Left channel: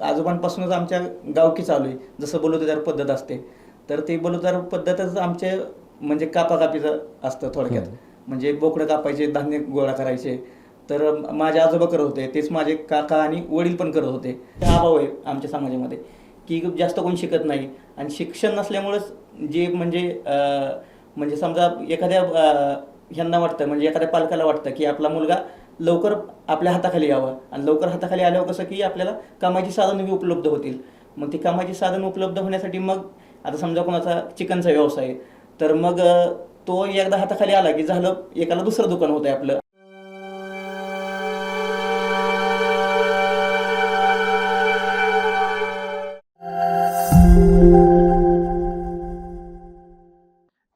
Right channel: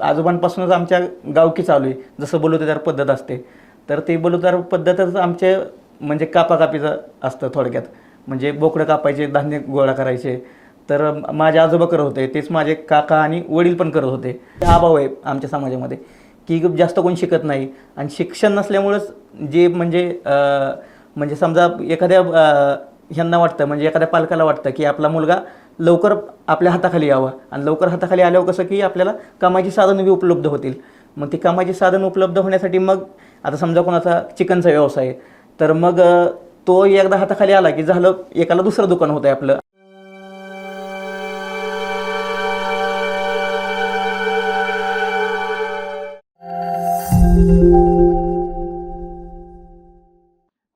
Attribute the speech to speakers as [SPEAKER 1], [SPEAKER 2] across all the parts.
[SPEAKER 1] आजोबांपासूनच आमच्या गावकी चालू आहे. जसं बलुतेदार पद्धत असते तर ते बलुतेदार पद्धतच आमचे म्हणजे कापाकापीचं असतं थोडक्यात. म्हणजे बोकडं कापायचे धान्य गोळा करायचे. तर माझे आजोबा करत होते तेच माझे काका आणि वडील पण करत होते. अभाव आहे आमच्या समाजामध्ये की जास्त कोणी शिकत नाही. आणि शिक्षण नसल्यामुळंच जे म्हणजे म्हणजे समजा एखाद्या ह्यांना वाटतं म्हणजे एखाद्या पालकाला वाटतं की आपला मुलगा लवकर आपल्या हाताखाली यावा. आणि लवकर हाताखाली आल्यावर कसं की आपल्याला कामाची साधनं बी उपलब्ध होतील. मग ती कामाची साधन उपलब्ध होण्यासाठी मग आता समजा कोणाचा चिकनचा व्यवसाय आहे, तर मग तो एकदा हाताखाली आला की झालं एकाला दुसरं दुकान होतं आपलं.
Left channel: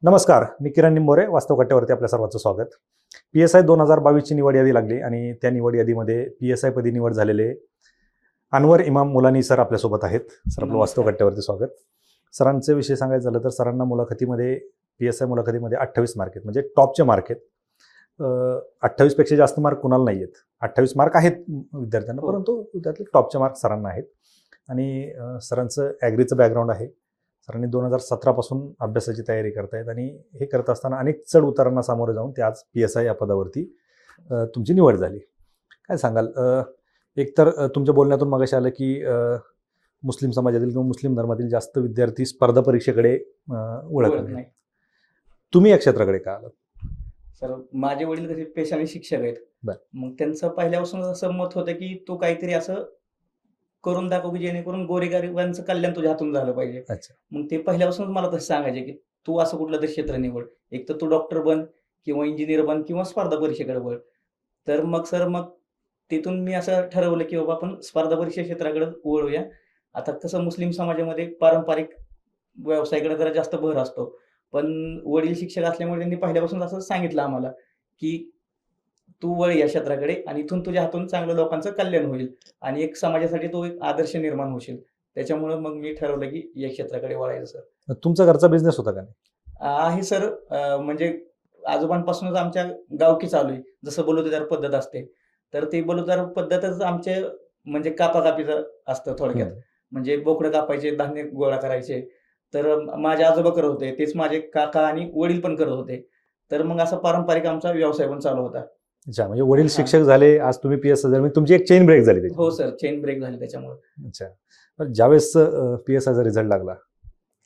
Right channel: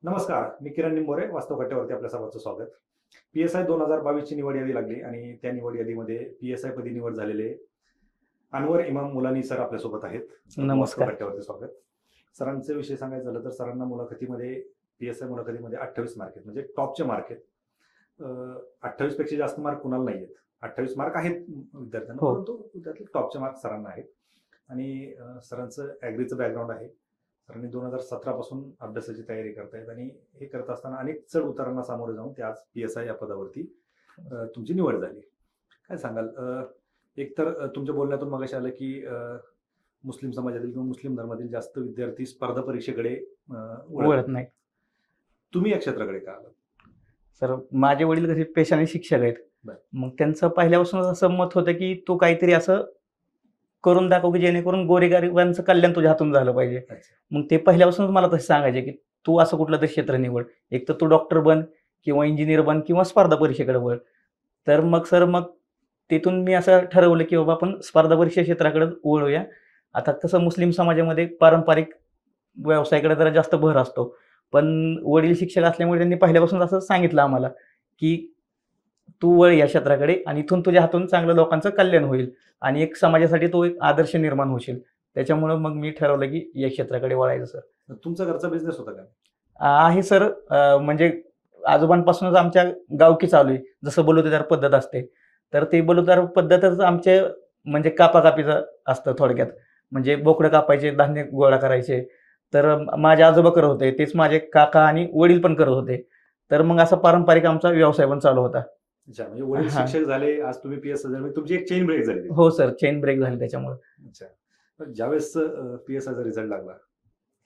[SPEAKER 2] नमस्कार मी किरण निंबोरे वास्तव कट्ट्यावरती आपल्या सर्वांचं स्वागत. पी एस आय दोन हजार बावीसची निवड यादी लागली आणि त्या निवड यादीमध्ये पी एस आय पदी निवड झालेले अनवर इमाम मुलानी सर आपल्यासोबत आहेत. सर वास्तव. कट्ट्यावरती स्वागत. सरांचे विषय सांगायचं झालं तर सरांना मुलाखतीमध्ये पी एस आय मुलाखतीमध्ये अठ्ठावीस मार्क आहेत म्हणजे टॉपचे मार्क आहेत. अठ्ठावीसपेक्षा जास्त मार्क कुणाला नाही आहेत. अठ्ठावीस मार्क आहेत विद्यार्थ्यांना
[SPEAKER 1] हो.
[SPEAKER 2] परंतु त्यातले टॉपचे मार्क सरांना आहेत. आणि सरांचं ॲग्रीचं बॅकग्राऊंड आहे. सरांनी दोन हजार सतरापासून अभ्यासाची तयारी करतायत आणि हे करत असताना अनेक चढ उतारांना सामोरे जाऊन ते आज पी एस आय या पदावरती तुमची निवड झाली. काय सांगाल? एकतर तुमच्या बोलण्यातून मगाशी आलं की मुस्लिम समाजातील किंवा मुस्लिम धर्मातील जास्त विद्यार्थी स्पर्धा परीक्षेकडे वळत नाही तुम्ही या क्षेत्राकडे का आलात?
[SPEAKER 1] तर माझे वडील कसे पेशाने शिक्षक आहेत. मग त्यांचं पहिल्यापासूनच असं मत होतं की तू काहीतरी असं करून दाखव की जेणेकरून गोरेगरिबांचं कल्याण तुझ्या हातून झालं पाहिजे. मग ते पहिल्यापासूनच मला तसे सांगायचे की तू असं कुठलं तरी क्षेत्र निवड. एक तर तू डॉक्टर बन किंवा इंजिनियर बन किंवा स्पर्धा परीक्षेकडे वळ. तर मग सर मग तिथून मी असं ठरवलं की बाबा आपण स्पर्धा परीक्षा क्षेत्राकडे वळूया. आता कसं मुस्लिम समाजामध्ये पारंपरिक व्यवसायाकडे जरा जास्त भर असतो. पण वडील शिक्षक असल्यामुळे त्यांनी पहिल्यापासून असं सांगितलं आम्हाला की तू वळ या क्षेत्राकडे आणि इथून तुझ्या हातून चांगलं लोकांचं कल्याण होईल आणि एक समाजासाठी तो एक आदर्श निर्माण होशील. त्याच्यामुळं मग मी ठरवलं की या क्षेत्राकडे वळायचं सर.
[SPEAKER 2] तुमचा घरचा बिझनेस होता का?
[SPEAKER 1] आहे सर. म्हणजे आजोबांपासूनच आमच्या गावकी चालू आहे. जसं बलुतेदार पद्धत असते तर ते बलुतेदार पद्धतच आमचे म्हणजे कापाकापीचं असतं थोडक्यात. म्हणजे बोकडं कापायचे धान्य गोळा करायचे. तर माझे आजोबा करत होते तेच माझे काका आणि वडील पण करत होते. तर मग असा पारंपरिक आमचा व्यवसाय पण चालू होता.
[SPEAKER 2] अच्छा म्हणजे वडील
[SPEAKER 1] हा.
[SPEAKER 2] शिक्षक झाले आज तुम्ही पी एस आय झाले तुमची एक चेन ब्रेक झाली त्याची.
[SPEAKER 1] हो सर चेन ब्रेक झाली त्याच्यामुळे.
[SPEAKER 2] अच्छा. पण ज्यावेळेस पी एस आयचा रिझल्ट लागला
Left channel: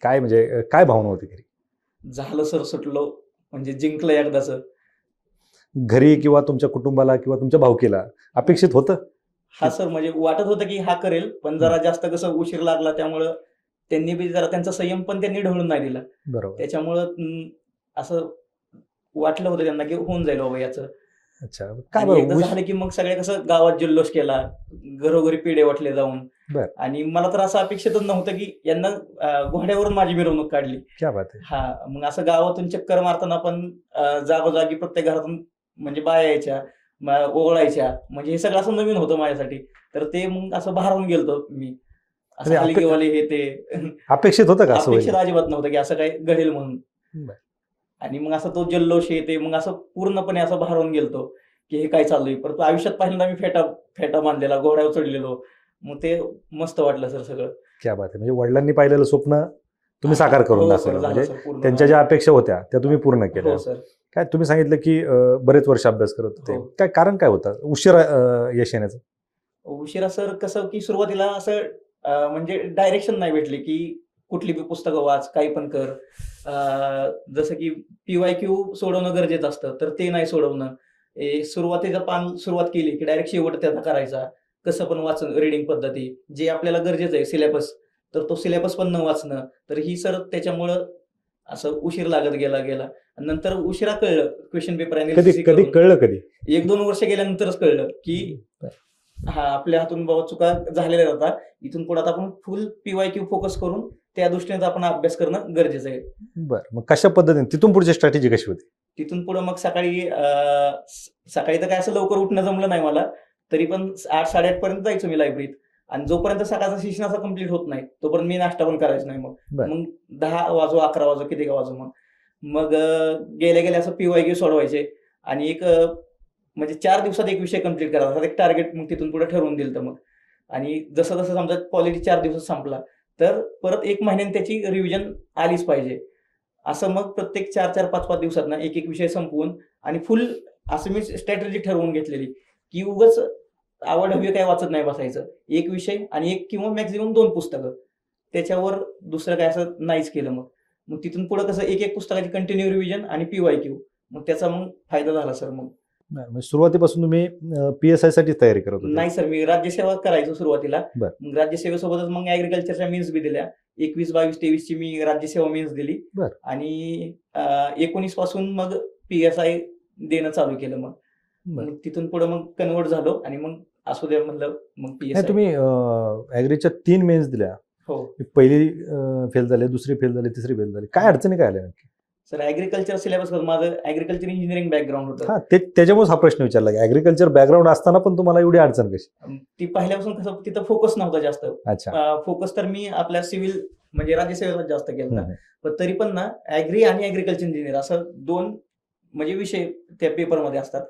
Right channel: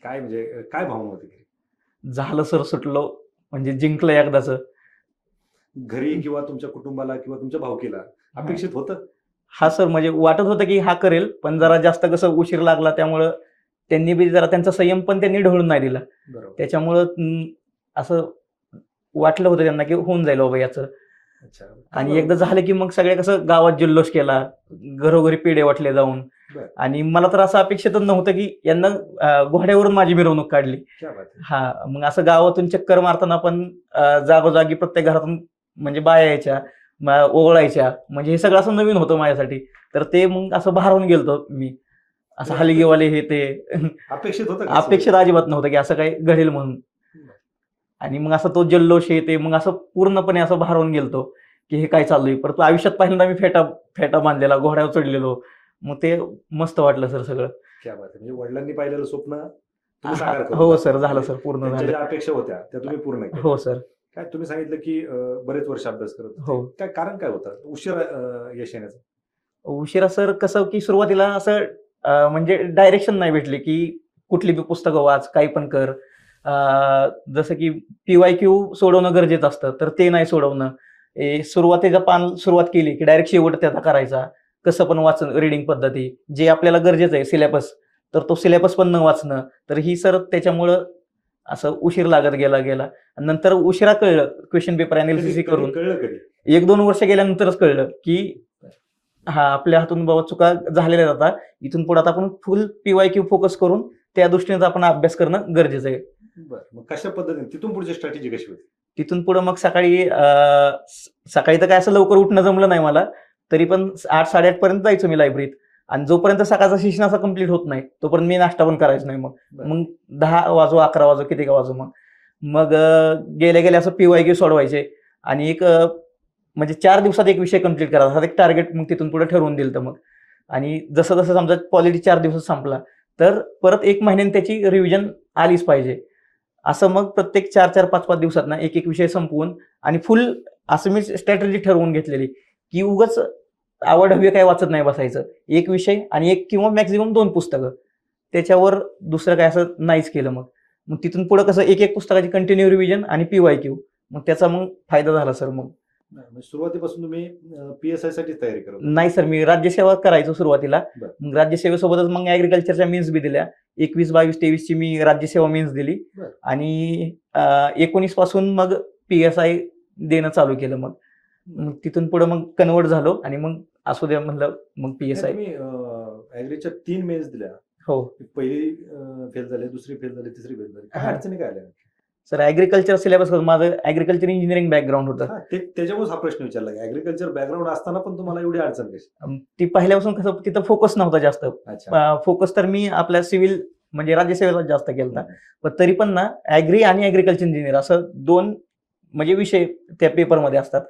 [SPEAKER 2] काय म्हणजे अ, काय भावना होती घरी?
[SPEAKER 1] झालं सर सुटलो म्हणजे जिंकलं एकदाच
[SPEAKER 2] घरी किंवा तुमच्या कुटुंबाला किंवा तुमच्या भावकीला अपेक्षित होतं?
[SPEAKER 1] हा सर म्हणजे वाटत होतं की हा करेल पण जरा जास्त कसं उशीर लागला त्यामुळं त्यांनी बी जरा त्यांचा संयम पण त्यांनी ढळून नाही दिला.
[SPEAKER 2] बरोबर.
[SPEAKER 1] त्याच्यामुळं असं वाटलं होतं त्यांना की होऊन जाईल बाबा याचं.
[SPEAKER 2] अच्छा.
[SPEAKER 1] आणि? एकदा झालं की मग सगळे कसं गावात जल्लोष केला घरोघरी पेढे वाटले जाऊन. आणि मला तर असं अपेक्षितच नव्हतं की यांना घोड्यावरून माझी मिरवणूक काढली.
[SPEAKER 2] क्या बात आहे.
[SPEAKER 1] हा मग असं गावातून चक्कर मारताना पण जागोजागी प्रत्येक घरातून म्हणजे बाया यायच्या ओवळायच्या. म्हणजे हे सगळं असं नवीन होतं माझ्यासाठी. तर ते मग असं भारावून गेलतो मी. असं
[SPEAKER 2] म्हणजे
[SPEAKER 1] हलगीवाले हे ते.
[SPEAKER 2] अपेक्षित होतं
[SPEAKER 1] अपेक्षित? अजिबात नव्हतं की असं काही घडेल म्हणून. आणि मग असं तो जल्लोष हे ते मग असं पूर्णपणे असं भारावून गेलतो की हे काय चालू आहे परंतु आयुष्यात पहिल्यांदा मी फेटा फेटा बांधलेला घोड्यावर चढलेलो मग ते मस्त वाटलं सर सगळं.
[SPEAKER 2] क्या बात आहे. म्हणजे वडिलांनी पाहिलेलं स्वप्न तुम्ही साकार करून
[SPEAKER 1] हो. सर झालं
[SPEAKER 2] म्हणजे
[SPEAKER 1] सर पूर्ण
[SPEAKER 2] त्यांच्या. ज्या अपेक्षा होत्या त्या तुम्ही पूर्ण
[SPEAKER 1] हो
[SPEAKER 2] केल्या.
[SPEAKER 1] सर.
[SPEAKER 2] काय तुम्ही सांगितलं की बरेच वर्ष अभ्यास करत होते.
[SPEAKER 1] हो.
[SPEAKER 2] काय कारण काय होतं? उशिरा यश येण्याचं?
[SPEAKER 1] उशिरा सर कसं की सुरुवातीला असं म्हणजे डायरेक्शन नाही भेटले की कुठली बी पुस्तकं वाच काही पण कर. जसं की पीवाय क्यू सोडवणं गरजेचं असतं तर ते नाही सोडवणं. सुरुवातीचा पान सुरुवात केली की डायरेक्ट शेवट त्याचा करायचा. कसं पण वाचन रिडिंग पद्धती जे आपल्याला गरजेचं आहे सिलेबस तर तो सिलेबस पण न वाचणं तर ही सर त्याच्यामुळं असं उशीर लागत गेला गेला. नंतर उशिरा कळलं क्वेश्चन पेपर
[SPEAKER 2] कळलं कधी?
[SPEAKER 1] एक दोन वर्ष गेल्यानंतरच कळलं की हा आपल्या हातून बाबा चुका झालेल्या जातात इथून पुढे आता आपण फुल पीवाय क्यू फोकस करून त्या दृष्टीने आपण अभ्यास करणं गरजेचं आहे.
[SPEAKER 2] बरं मग कशा पद्धतीने? तिथून पुढची स्ट्रॅटेजी कशी होती?
[SPEAKER 1] तिथून पुढे मग सकाळी सकाळी तर काय असं लवकर उठणं जमलं नाही मला. तरी पण आठ साडेआठ पर्यंत जायचो मी लायब्ररीत आणि जोपर्यंत सकाळचा शिक्षण असं कंप्लीट होत नाही तोपर्यंत मी नाश्ता पण करायचो नाही मग. मग दहा वाजू अकरा वाजू किती का वाजू मग. मग अं, गेले गेले असं पीवाय क्यू सोडवायचे. आणि एक म्हणजे चार दिवसात एक विषय कंप्लीट करायचा. एक टार्गेट मग तिथून पुढे ठरवून दिलं तर मग. आणि जसं जसं समजा पॉलिटी चार दिवसात संपला तर परत एक महिन्याने त्याची रिव्हिजन आलीच पाहिजे. असं मग प्रत्येक चार चार पाच पाच दिवसात ना एक एक विषय संपवून आणि फुल असं मी स्ट्रॅटेजी ठरवून घेतलेली की उगाच आवड हवी काय वाचत नाही बसायचं. एक विषय आणि एक किंवा मॅक्झिमम दोन पुस्तकं. त्याच्यावर दुसरं काय असं नाहीच केलं मग. मग तिथून पुढे कसं एक एक पुस्तकाची कंटिन्यू रिव्हिजन आणि पी वाय क्यू मग त्याचा मग फायदा झाला सर मग.
[SPEAKER 2] म्हणजे सुरुवातीपासून तुम्ही पी एस आयसाठी तयारी करत.
[SPEAKER 1] नाही सर मी राज्यसेवा करायचो सुरुवातीला. मग राज्यसेवेसोबतच मग ऍग्रिकल्चरच्या मीन्स बी दिल्या एकवीस बावीस तेवीस ची मी राज्यसेवा मीन्स दिली. आणि एकोणीसपासून मग पी एस आय देणं चालू केलं मग. मग तिथून पुढे मग कन्वर्ट झालो आणि मग असू द्या म्हणलं मग पी एस आय
[SPEAKER 2] तुम्ही ऍग्रीच्या तीन मेन्स दिल्या
[SPEAKER 1] हो
[SPEAKER 2] पहिली फेल झाली दुसरी फेल झाली तिसरी फेल झाली काय. अडचणी काय आल्या नक्की?
[SPEAKER 1] सर ऍग्रिकल्चर सिलेबस माझं ऍग्रिकल्चर इंजिनिअरिंग बॅकग्राऊंड होतं.
[SPEAKER 2] हा ते त्याच्यामुळेच हा प्रश्न विचारला. की ऍग्रिकल्चर बॅकग्राऊंड असताना पण तुम्हाला एवढी अडचण कशी?
[SPEAKER 1] ती पहिल्यापासून कसं तिथं फोकस नव्हता जास्त. फोकस तर मी आपल्या सिव्हिल म्हणजे राज्यसेवेला जास्त केला. पण तरी पण ना ऍग्री आणि ऍग्रिकल्चर इंजिनियर असं दोन म्हणजे विषय त्या पेपरमध्ये असतात.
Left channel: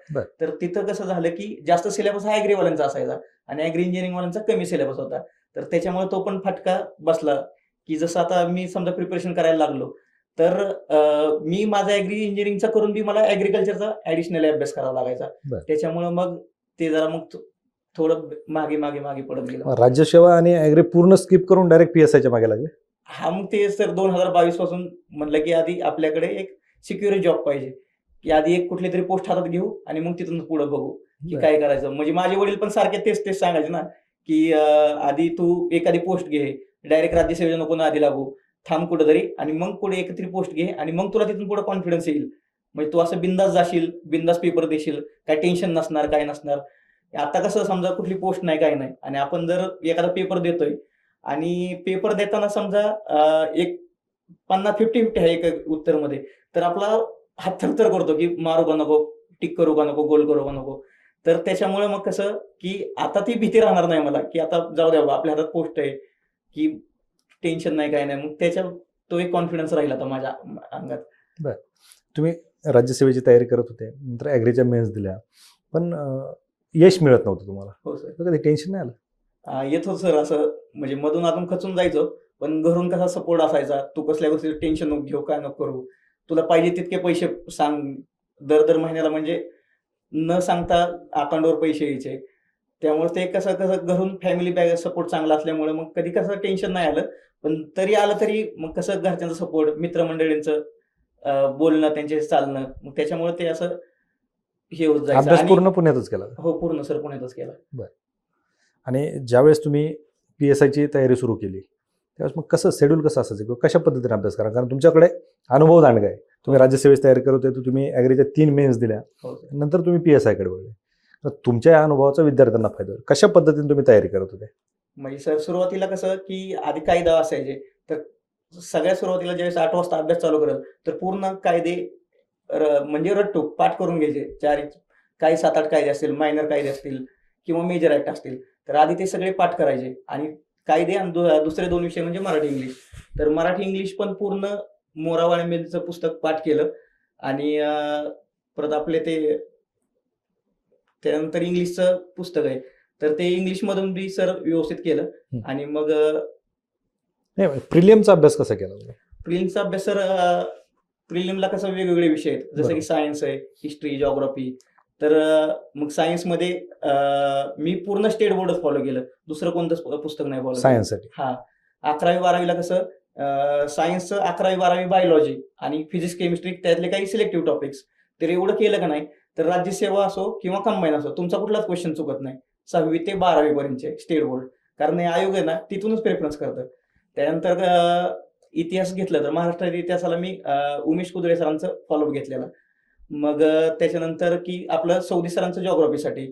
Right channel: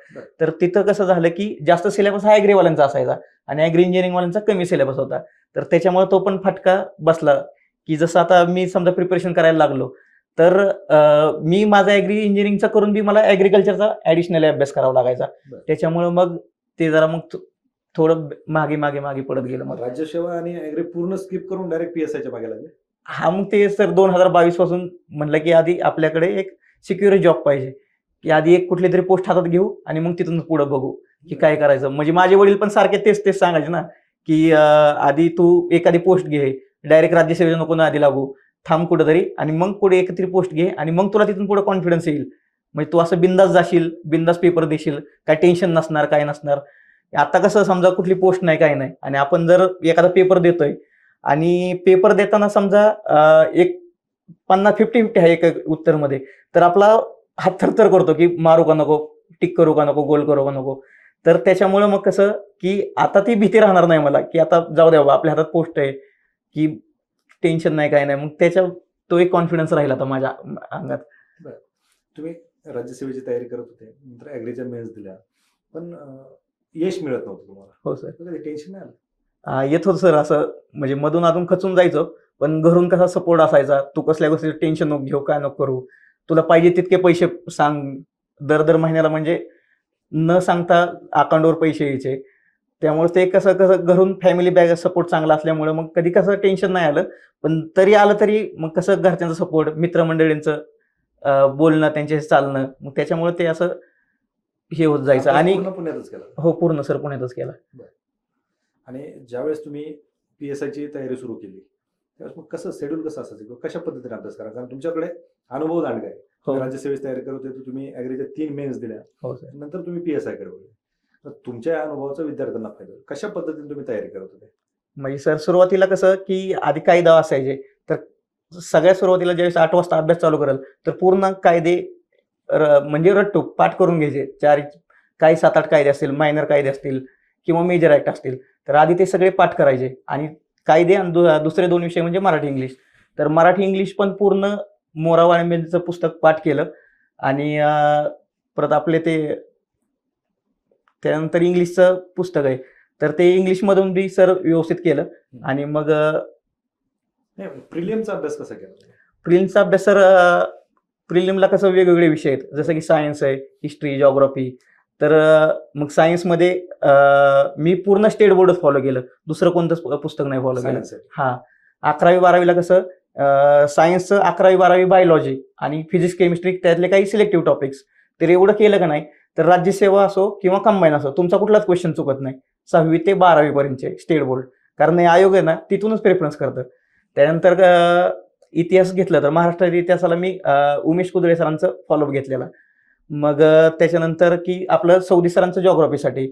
[SPEAKER 1] तर तिथं कसं झालं की जास्त सिलेबस हा ऍग्रीवाल्यांचा असायचा आणि ऍग्री इंजिनिअरिंग वाल्यांचा कमी सिलेबस होता. तर त्याच्यामुळे तो पण फटका बसला की जसं आता मी समजा प्रिपरेशन करायला लागलो तर मी माझा ऍग्री इंजिनिअरिंगचा करून बी मला ऍग्रिकल्चरचा ऍडिशनल अभ्यास करावा लागायचा. त्याच्यामुळे मग ते जरा मग थोडं मागे मागे मागे पडत गेलं मग.
[SPEAKER 2] राज्यसेवा आणि ऍग्री पूर्ण स्किप करून डायरेक्ट पी एस आयच्या मागे लागले
[SPEAKER 1] हा मग ते सर दोन हजार बावीसपासून म्हणलं की आधी आपल्याकडे एक सिक्युअर जॉब पाहिजे की आधी एक कुठली तरी पोस्ट हातात घेऊ आणि मग तिथून पुढे बघू की. काय करायचं म्हणजे माझे वडील पण सारखे तेच तेच सांगायचे ना की आधी तू एखादी पोस्ट घे डायरेक्ट राज्यसेवेला नको ना आधी लागू थांब कुठेतरी आणि मग पुढे एकत्रित पोस्ट घे आणि मग तुला तिथून पुढे कॉन्फिडन्स येईल. म्हणजे तू असं बिंदास जाशील बिंदास पेपर देशील काय टेन्शन नसणार काय नसणार. आता कसं समजा कुठली पोस्ट नाही काय नाही. आणि आपण जर एखादा पेपर देतोय आणि पेपर देताना समजा एक पन्नास फिफ्टी फिफ्टी आहे एक उत्तरमध्ये तर आपला हात थरथर करतो की मारू का नको टिक करू का नको गोल करू का नको. तर त्याच्यामुळे मग कसं की आता ती भीती राहणार नाही मला की आता जाऊ द्या आपल्या हातात पोस्ट आहे की टेन्शन नाही काय नाही. मग त्याच्या तो एक कॉन्फिडन्स राहिला आता माझ्या अंगात.
[SPEAKER 2] तुम्ही राज्यसेवेची तयारी करत होते नंतर ऍग्रीच्या मेन्स दिल्या. पण यश मिळत नव्हतं तुम्हाला.
[SPEAKER 1] हो सर
[SPEAKER 2] कधी टेन्शन नाही आलं?
[SPEAKER 1] येत होतं सर असं म्हणजे मधून अजून खचून जायचो. पण घरून कसा सपोर्ट असायचा तू कसल्या गोष्टी टेन्शन नको घेऊ काय नको करू? तुला पाहिजे तितके पैसे सांग. दर दर महिन्याला म्हणजे न सांगता अकाउंटवर पैसे यायचे. त्यामुळे ते कसं कसं घरून फॅमिली बॅग सपोर्ट चांगला असल्यामुळे मग कधी कसं टेन्शन नाही आलं. पण तरी आलं तरी मग कसं घरच्यांचा सपोर्ट मित्रमंडळींचं बोलणं त्यांचे चालणं मग त्याच्यामुळे ते असं हे होत जायचं. आणि
[SPEAKER 2] पूर्ण पुण्यातच केला.
[SPEAKER 1] हो पूर्ण सर पुण्यातच केला.
[SPEAKER 2] आणि ज्यावेळेस तुम्ही पी एस आयची तयारी सुरू केली त्यावेळेस मग कसं शेड्यूल कसं असायचं किंवा कशा पद्धतीने अभ्यास करा कारण तुमच्याकडे अनुभव दांडगा आहे तुम्ही
[SPEAKER 1] हो.
[SPEAKER 2] राज्यसेवेची तयारी करत होते तर तुम्ही ॲग्रीच्या तीन मेन्स दिल्या.
[SPEAKER 1] हो
[SPEAKER 2] नंतर तुम्ही पी एस आयकडे वळले. तर तुमच्या या अनुभवाचा विद्यार्थ्यांना फायदा होईल. कशा पद्धतीने तुम्ही तयारी करत होते?
[SPEAKER 1] म्हणजे सर सुरुवातीला कसं की आधी कायदा असायचे तर सगळ्यात सुरुवातीला ज्यावेळेस आठ वाजता अभ्यास चालू करेल तर पूर्ण कायदे र- म्हणजे रट्टू पाठ करून घ्यायचे. चार काही सात आठ कायदे असतील मायनर कायदे असतील किंवा मेजर ऍक्ट असतील तर आधी ते सगळे पाठ करायचे. आणि कायदे आणि दु- दुसरे दोन विषय म्हणजे मराठी इंग्लिश तर मराठी इंग्लिश पण पूर्ण मोरा पुस्तक पाठ केलं. आणि परत आपले ते त्यानंतर इंग्लिशचं पुस्तक आहे. तर ते इंग्लिश मधून बी सर व्यवस्थित केलं. आणि मग
[SPEAKER 2] प्रिलियमचा अभ्यास कसा केला तुम्ही?
[SPEAKER 1] प्रिलिमचा अभ्यास सर प्रिलिमला कसं वेगवेगळे विषय आहेत. जसं की. सायन्स आहे हिस्ट्री जॉग्राफी. तर मग सायन्समध्ये मी पूर्ण स्टेट बोर्डच फॉलो केलं. दुसरं कोणतंच पु- पुस्तक नाही फॉलो केलं.
[SPEAKER 2] सायन्ससाठी.
[SPEAKER 1] हा. अकरावी बारावीला कसं सायन्सचं अकरावी बारावी बायोलॉजी आणि फिजिक्स केमिस्ट्री त्यातले काही सिलेक्टिव्ह टॉपिक्स. तर एवढं केलं का नाही तर राज्यसेवा असो किंवा कंबाईन असो तुमचा कुठलाच क्वेश्चन चुकत नाही. सहावी ते बारावी पर्यंतचे स्टेट बोर्ड कारण हे आयोग आहे ना तिथूनच प्रेफरन्स करतं. त्यानंतर इतिहास घेतलं तर महाराष्ट्र इतिहासाला मी उमेश कुदळे सरांचं फॉलोअप घेतलेला. मग त्याच्यानंतर की आपलं सौदी सरांचं जॉग्राफीसाठी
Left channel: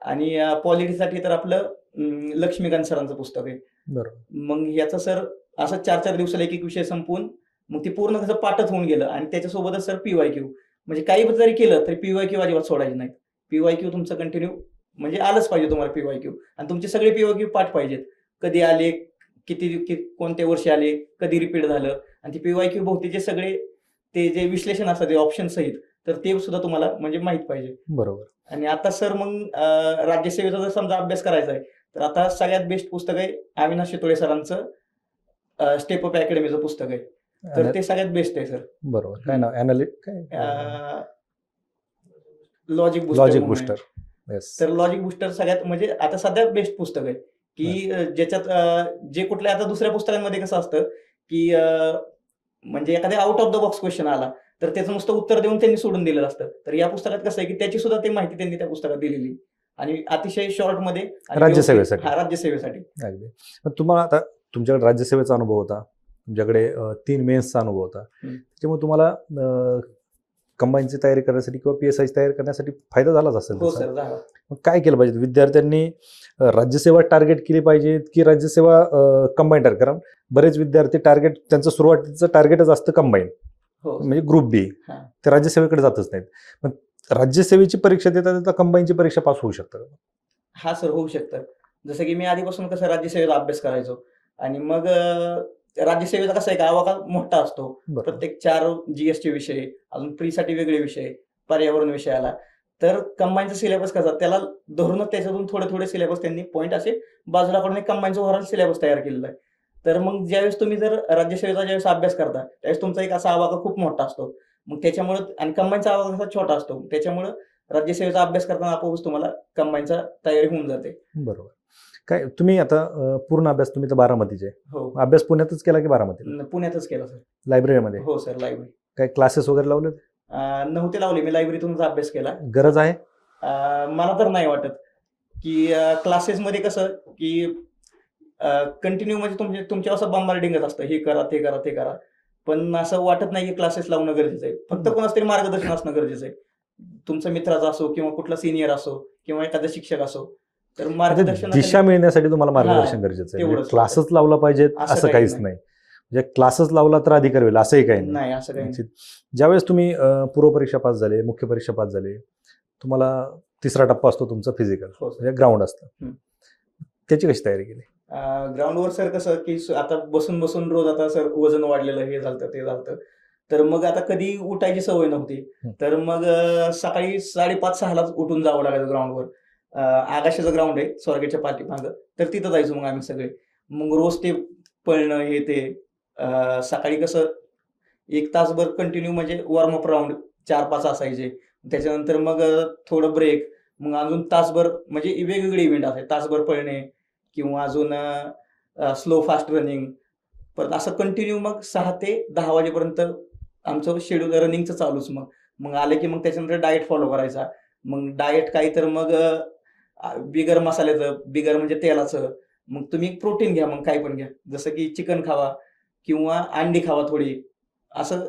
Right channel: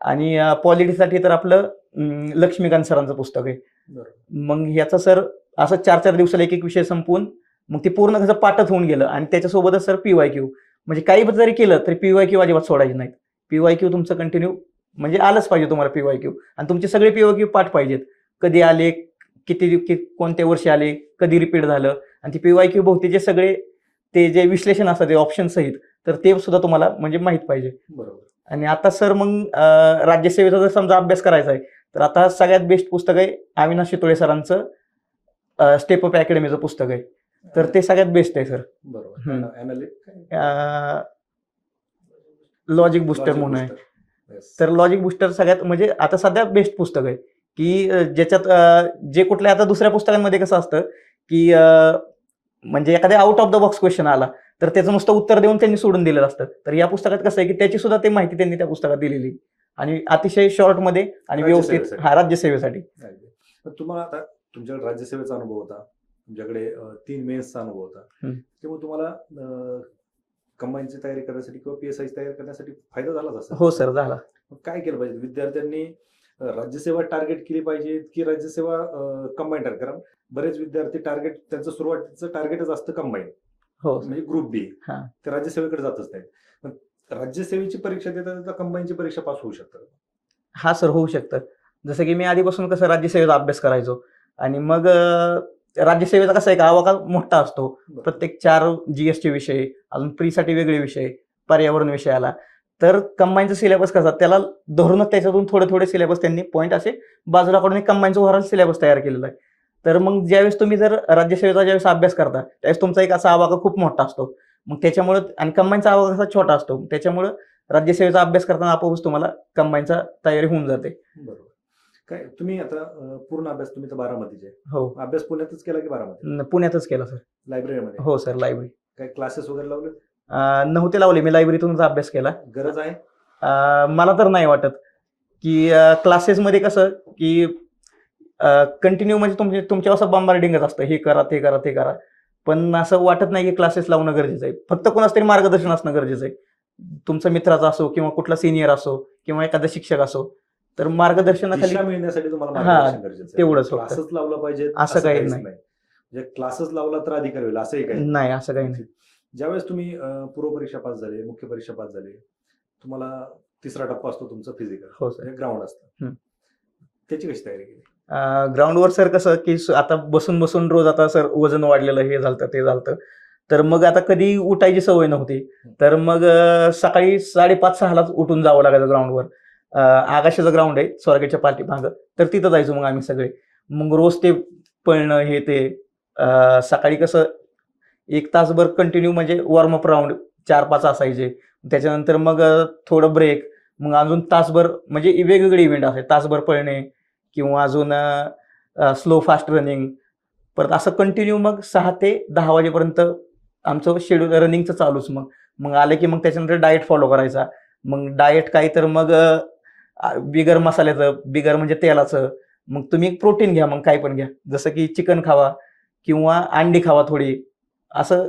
[SPEAKER 1] आणि पॉलिटिक्ससाठी तर आपलं लक्ष्मीकांत सरांचं पुस्तक आहे.
[SPEAKER 2] बरोबर.
[SPEAKER 1] मग याचा सर असं चार चार दिवसाला एक एक विषय संपवून मग ते पूर्ण कसं पाठच होऊन गेलं आणि त्याच्यासोबतच सर पीवाय क्यू म्हणजे काही जरी केलं तरी पीवाय क्यू अजिबात सोडायचे नाहीत. पीवाय क्यू तुमचं कंटिन्यू म्हणजे आलंच पाहिजे तुम्हाला पीवाय क्यू आणि तुमचे सगळे पीवाय क्यू पाठ पाहिजेत. कधी आले किती कि- कोणत्या वर्षी आले कधी रिपीट झालं. आणि ते पीवाय क्यू बहुतेचे सगळे ते जे विश्लेषण असतात ते ऑप्शन सहित तर ते सुद्धा तुम्हाला म्हणजे माहीत पाहिजे.
[SPEAKER 2] बरोबर.
[SPEAKER 1] आणि आता सर मग राज्यसेवेचा जर समजा अभ्यास करायचा आहे तर आता सगळ्यात बेस्ट पुस्तक आहे अविनाश शितोळे सरांचं स्टेप अप अकॅडमीचं पुस्तक आहे. तर ते सगळ्यात बेस्ट आहे सर.
[SPEAKER 2] बरोबर.
[SPEAKER 1] लॉजिक बुस्टर तर लॉजिक बुस्टर सगळ्यात म्हणजे आता सध्या बेस्ट पुस्तक आहे. की ज्याच्यात जे कुठल्या आता दुसऱ्या पुस्तकांमध्ये कसं असतं की म्हणजे एखाद्या out of the box question आला तर त्याचं नुसतं उत्तर देऊन त्यांनी सोडून दिलेलं असतं. तर या पुस्तकात कसं आहे की त्याची सुद्धा ते माहिती त्यांनी त्या पुस्तकात दिलेली. आणि अतिशय शॉर्टमध्ये
[SPEAKER 2] राज्यसेवेसाठी. तुम्हाला आता तुमच्याकडे राज्यसेवेचा अनुभव होता. तुमच्याकडे तीन मेन्सचा अनुभव होता. त्यामुळे तुम्हाला कंबाईनची तयारी करण्यासाठी किंवा पी एस आयची तयारी करण्यासाठी फायदा झालाच असेल
[SPEAKER 1] हो. सर झाला.
[SPEAKER 2] मग काय केलं पाहिजे? विद्यार्थ्यांनी राज्यसेवा टार्गेट केली पाहिजे की राज्यसेवा कंबाईन टार्गेट कारण बरेच विद्यार्थी टार्गेट त्यांचं सुरुवातीचं टार्गेटच असतं कंबाईन
[SPEAKER 1] हो.
[SPEAKER 2] म्हणजे ग्रुप बी. ते राज्यसेवेकडे जातच नाहीत. मग राज्यसेवेची परीक्षा देता देता कंबाईनची परीक्षा पास होऊ शकतं
[SPEAKER 1] हा सर होऊ शकतं जसं की मी आधीपासून कसं राज्यसेवेचा अभ्यास करायचो. आणि मग राज्यसेवेचा कसं आहे का आवाका मोठा असतो. प्रत्येक चार जीएसचे विषय अजून प्रीसाठी वेगळे विषय पर्यावरण विषय आला तर कंबाईनचा सिलेबस कसा त्याला धरूनच त्याच्यातून थोडे थोडे सिलेबस त्यांनी पॉईंट असे बाजूला काढून कंबाईनचा ओव्हरऑल सिलेबस तयार केलेला आहे. तर मग ज्यावेळेस तुम्ही जर राज्यसेवेचा ज्यावेळेस अभ्यास करता त्यावेळेस तुमचा एक असा आवाका खूप मोठा असतो. मग त्याच्यामुळं आणि कंबाईनचा आवाका कसा छोटा असतो त्याच्यामुळं राज्यसेवेचा अभ्यास करताना आपोआपच तुम्हाला कंबाईनचा तयारी होऊन जाते.
[SPEAKER 2] बरोबर. काय तुम्ही आता अं, पूर्ण अभ्यास तुम्ही तर बारामतीचे
[SPEAKER 1] हो.
[SPEAKER 2] अभ्यास पुण्यातच केला की बारामती
[SPEAKER 1] न- पुण्यातच केला सर.
[SPEAKER 2] लायब्ररीमध्ये?
[SPEAKER 1] हो सर लायब्ररी.
[SPEAKER 2] काय क्लासेस वगैरे लावले
[SPEAKER 1] नव्हते लावले मी लायब्ररीतूनच अभ्यास केला.
[SPEAKER 2] गरज आहे?
[SPEAKER 1] अं, मला तर नाही वाटत की क्लासेसमध्ये कसं की कंटिन्यू म्हणजे तुमचे तुमच्या असं बंबार्डिंगच असतं. हे करा ते करा ते करा. पण असं वाटत नाही की क्लासेस लावणं गरजेचं आहे. फक्त कोणाच तरी मार्गदर्शन असणं गरजेचं आहे. तुमचा मित्राचा असो किंवा कुठला सिनियर असो किंवा एखादा शिक्षक असो. तर मार्गदर्शन
[SPEAKER 2] दिशा मिळण्यासाठी तुम्हाला मार्गदर्शन गरजेचं
[SPEAKER 1] तेवढंच
[SPEAKER 2] आहे क्लासेस लावला पाहिजे
[SPEAKER 1] असं
[SPEAKER 2] असं
[SPEAKER 1] काही
[SPEAKER 2] काहीच
[SPEAKER 1] नाही.
[SPEAKER 2] म्हणजे क्लासेस लावला तर अधिकार होईल असंही काही नाही.
[SPEAKER 1] असं काही नाही.
[SPEAKER 2] ज्यावेळेस तुम्ही अं, पूर्वपरीक्षा पास झाले मुख्य परीक्षा पास झाले तुम्हाला तिसरा टप्पा असतो तुमचा फिजिकल
[SPEAKER 1] हो
[SPEAKER 2] म्हणजे ग्राउंड असतं. त्याची कशी तयारी केली?
[SPEAKER 1] ग्राउंडवर सर कसं की आता बसून बसून रोज आता सर वजन वाढलेलं हे झालं ते झालं तर मग आता कधी उठायची सवय नव्हती. तर मग सकाळी साडेपाच सहालाच उठून जावं लागायचं ग्राउंडवर आगाशाचं ग्राउंड आहे स्वर्गाच्या पाठीमागं तर तिथं जायचो मग आम्ही सगळे. मग रोज ते पळणं हे ते सकाळी कसं एक तासभर कंटिन्यू म्हणजे वॉर्मअप राऊंड चार पाच असायचे. त्याच्यानंतर मग थोडं ब्रेक मग अजून तासभर म्हणजे वेगवेगळे इव्हेंट असायचे. तासभर पळणे किंवा अजून स्लो फास्ट रनिंग परत असं कंटिन्यू मग सहा ते दहा वाजेपर्यंत आमचं शेड्यूल रनिंगचं चालूच मग. मग आलं की मग त्याच्यानंतर डाएट फॉलो करायचा. मग डाएट काही तर मग बिगर मसाल्याचं बिगर म्हणजे तेलाचं. मग तुम्ही प्रोटीन घ्या मग काय पण घ्या. जसं की चिकन खावा किंवा अंडी खावा थोडी. असं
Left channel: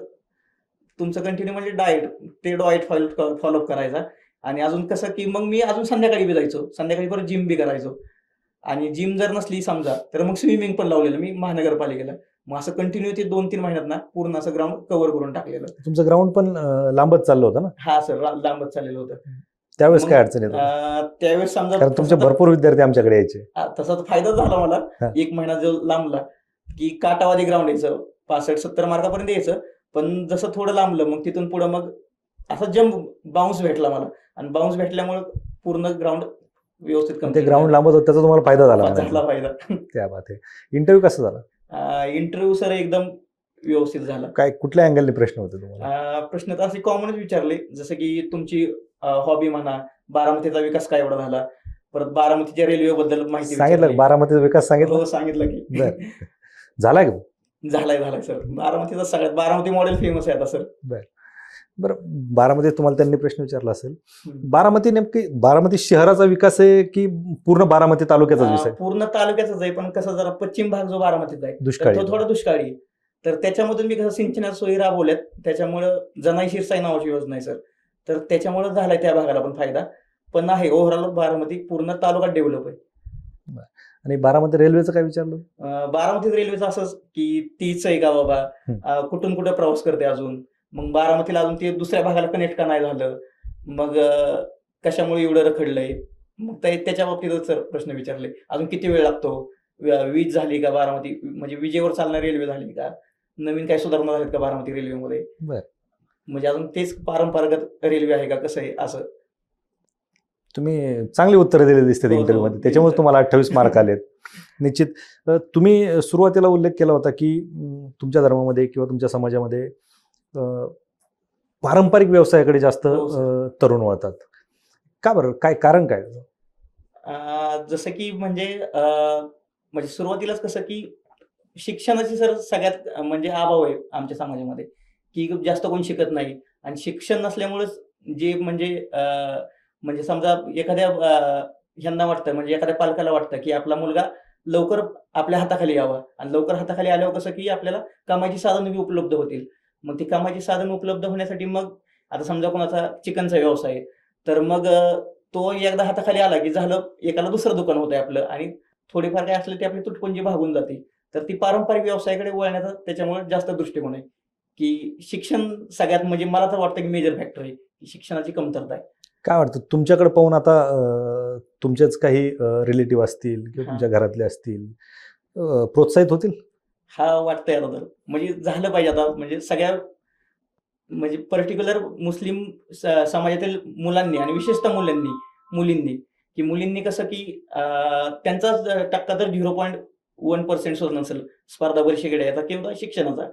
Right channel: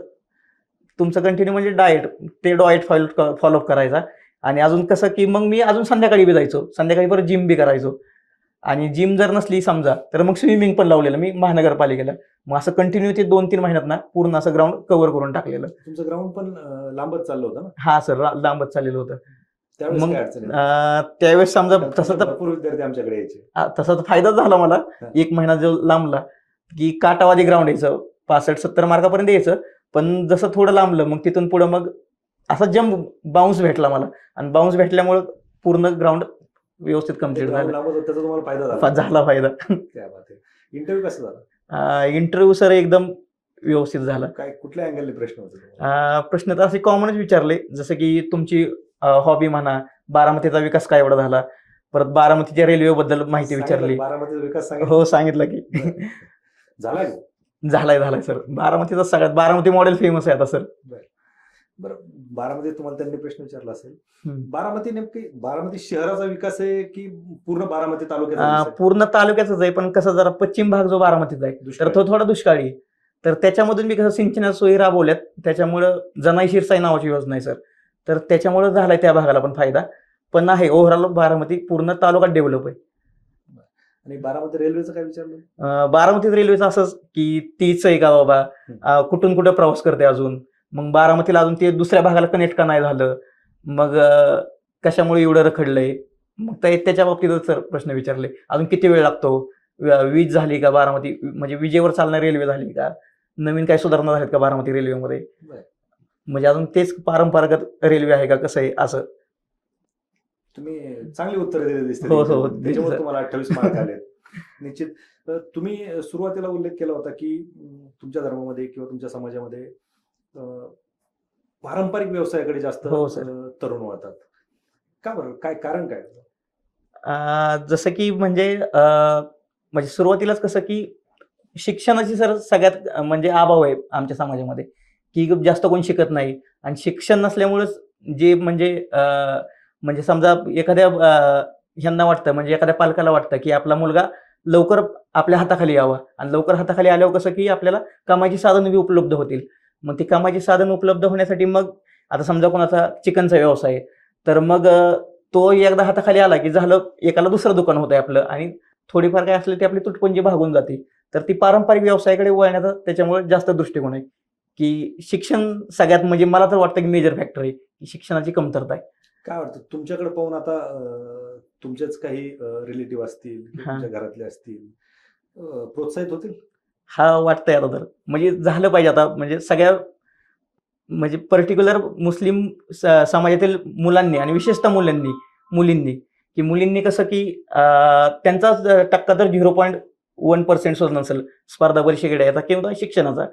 [SPEAKER 1] तुमचं कंटिन्यू म्हणजे डाएट ते डाएट फॉलो फॉलोअप करायचा. आणि अजून कसं की मग मी अजून संध्याकाळी बी जायचो. संध्याकाळी परत जिम बी करायचो. आणि जिम जर नसली समजा तर मग स्विमिंग पण लावलेलं मी महानगरपालिकेला. मग असं कंटिन्यू ते दोन तीन महिन्यात ना पूर्ण असं ग्राउंड कव्हर करून टाकलेलं.
[SPEAKER 2] तुमचं ग्राउंड पण लांबच चाललं होतं ना?
[SPEAKER 1] हा सर लांबच चाललेलं होतं.
[SPEAKER 2] त्यावेळेस
[SPEAKER 1] मग,
[SPEAKER 2] काय अडचण येत
[SPEAKER 1] अं, त्यावेळेस समजा
[SPEAKER 2] कारण तुमचे
[SPEAKER 1] तसं तर-
[SPEAKER 2] भरपूर विद्यार्थी आमच्याकडे यायचे.
[SPEAKER 1] हा, तसा तर फायदाच झाला मला. एक महिना जो लांबला की काटावादी ग्राउंड यायचं पासष्ट सत्तर मार्कापर्यंत यायचं पण जसं थोडं लांबलं मग तिथून पुढं मग असा जम्प बाउन्स भेटला मला. आणि बाउन्स भेटल्यामुळे पूर्ण ग्राउंड व्यवस्थित
[SPEAKER 2] ते
[SPEAKER 1] कंप्लीट
[SPEAKER 2] ग्राउंड लांबत होतं त्याचा तुम्हाला फायदा झाला.
[SPEAKER 1] झाला फायदा.
[SPEAKER 2] त्या बात आहे. इंटरव्ह्यू कसा झाला?
[SPEAKER 1] इंटरव्ह्यू सर एकदम व्यवस्थित झाला.
[SPEAKER 2] काय कुठल्या अँगलने प्रश्न होते तुम्हाला?
[SPEAKER 1] अं, प्रश्न तर असे कॉमनच विचारले जसं की तुमची हॉबी म्हणा बारामतीचा विकास काय एवढा झाला? परत बारामतीच्या रेल्वे बद्दल माहिती विचारली.
[SPEAKER 2] बारामतीचा विकास सांगितलं?
[SPEAKER 1] हो सांगितलं की.
[SPEAKER 2] झालाय का?
[SPEAKER 1] झालाय झालाय सर. बारामतीचा सगळ्यात बारामती मॉडेल फेमस आहे आता सर.
[SPEAKER 2] बरं. बारामतीत तुम्हाला त्यांनी प्रश्न विचारला असेल. बारामती नेमकी बारामती शहराचा विकास आहे की पूर्ण बारामती तालुक्याचा
[SPEAKER 1] पूर्ण तालुक्याचाच आहे पण कसं जरा पश्चिम भाग जो बारामतीचा आहे तो थोडा दुष्काळी. तर त्याच्यामधून मी कसं सिंचनाच्या सोयी राबवल्यात त्याच्यामुळं जनाई शिरसाई नावाची योजना आहे सर. तर त्याच्यामुळे झालाय त्या भागाला पण फायदा. पण आहे ओव्हरऑल बारामती पूर्ण तालुका डेव्हलप आहे.
[SPEAKER 2] आणि बारामती रेल्वेचं काय विचारलं?
[SPEAKER 1] बारामतीत रेल्वेचं असंच की तीच आहे का बाबा? कुठून कुठं प्रवास करते अजून? मग बारामतीला अजून ते दुसऱ्या भागाला कनेक्ट का नाही झालं? मग कशामुळे एवढं रखडलंय? मग त्या- त्याच्या बाबतीतच सर प्रश्न विचारले. अजून किती वेळ लागतो? वीज झाली का बारामती? म्हणजे विजेवर चालणारी रेल्वे झाली का? नवीन काही सुधारणा झाल्यात का बारामती रेल्वेमध्ये
[SPEAKER 2] बर.
[SPEAKER 1] म्हणजे अजून तेच पारंपरागत रेल्वे आहे का कसं आहे असं?
[SPEAKER 2] तुम्ही चांगली उत्तरं दिलेली दिसतात
[SPEAKER 1] हो, हो.
[SPEAKER 2] त्याच्यामुळे तुम्हाला अठ्ठावीस मार्क आलेत. निश्चित. तुम्ही सुरुवातीला उल्लेख केला होता की तुमच्या धर्मामध्ये किंवा तुमच्या समाजामध्ये पारंपरिक व्यवसायाकडे जास्त
[SPEAKER 1] हो,
[SPEAKER 2] तरुण वळतात. का बरं? काय कारण काय?
[SPEAKER 1] जसं की म्हणजे म्हणजे सुरुवातीलाच कसं की शिक्षणाची सर सगळ्यात म्हणजे अभाव आहे आमच्या समाजामध्ये. की जास्त कोण शिकत नाही. आणि शिक्षण नसल्यामुळेच जे म्हणजे म्हणजे समजा एखाद्या ह्यांना वाटतं म्हणजे एखाद्या पालकाला वाटतं की आपला मुलगा लवकर आपल्या हाताखाली यावा. आणि लवकर हाताखाली आल्यावर कसं की आपल्याला कामाची साधन बी उपलब्ध होतील. मग ती कामाची साधन उपलब्ध होण्यासाठी मग आता समजा कोणाचा चिकनचा व्यवसाय आहे तर मग तो एकदा हाताखाली आला की झालं एकाला दुसरं दुकान होतं आपलं. आणि थोडीफार काय असलं ती आपली तुटपुंजी भागून जाते. तर ती पारंपरिक व्यवसायाकडे वळण्याचा त्याच्यामुळे जास्त दृष्टिकोन आहे. की शिक्षण सगळ्यात म्हणजे मला तर वाटतं की मेजर फॅक्टर आहे की शिक्षणाची कमतरता आहे.
[SPEAKER 2] काय वाटतं? तुमच्याकडे पाहून आता तुमचेच काही रिलेटिव्ह असतील किंवा. तुमच्या घरातले असतील प्रोत्साहित होतील?
[SPEAKER 1] हा वाटतंय आता तर. म्हणजे झालं पाहिजे आता. म्हणजे सगळ्या म्हणजे पर्टिक्युलर मुस्लिम समाजातील मुलांनी आणि विशेषतः मुलांनी मुलींनी की मुलींनी कसं की त्यांचा टक्का तर झिरो पॉईंट वन पर्सेंट सुद्धा नसेल स्पर्धा परीक्षेकडे. आता किंवा शिक्षणाचा?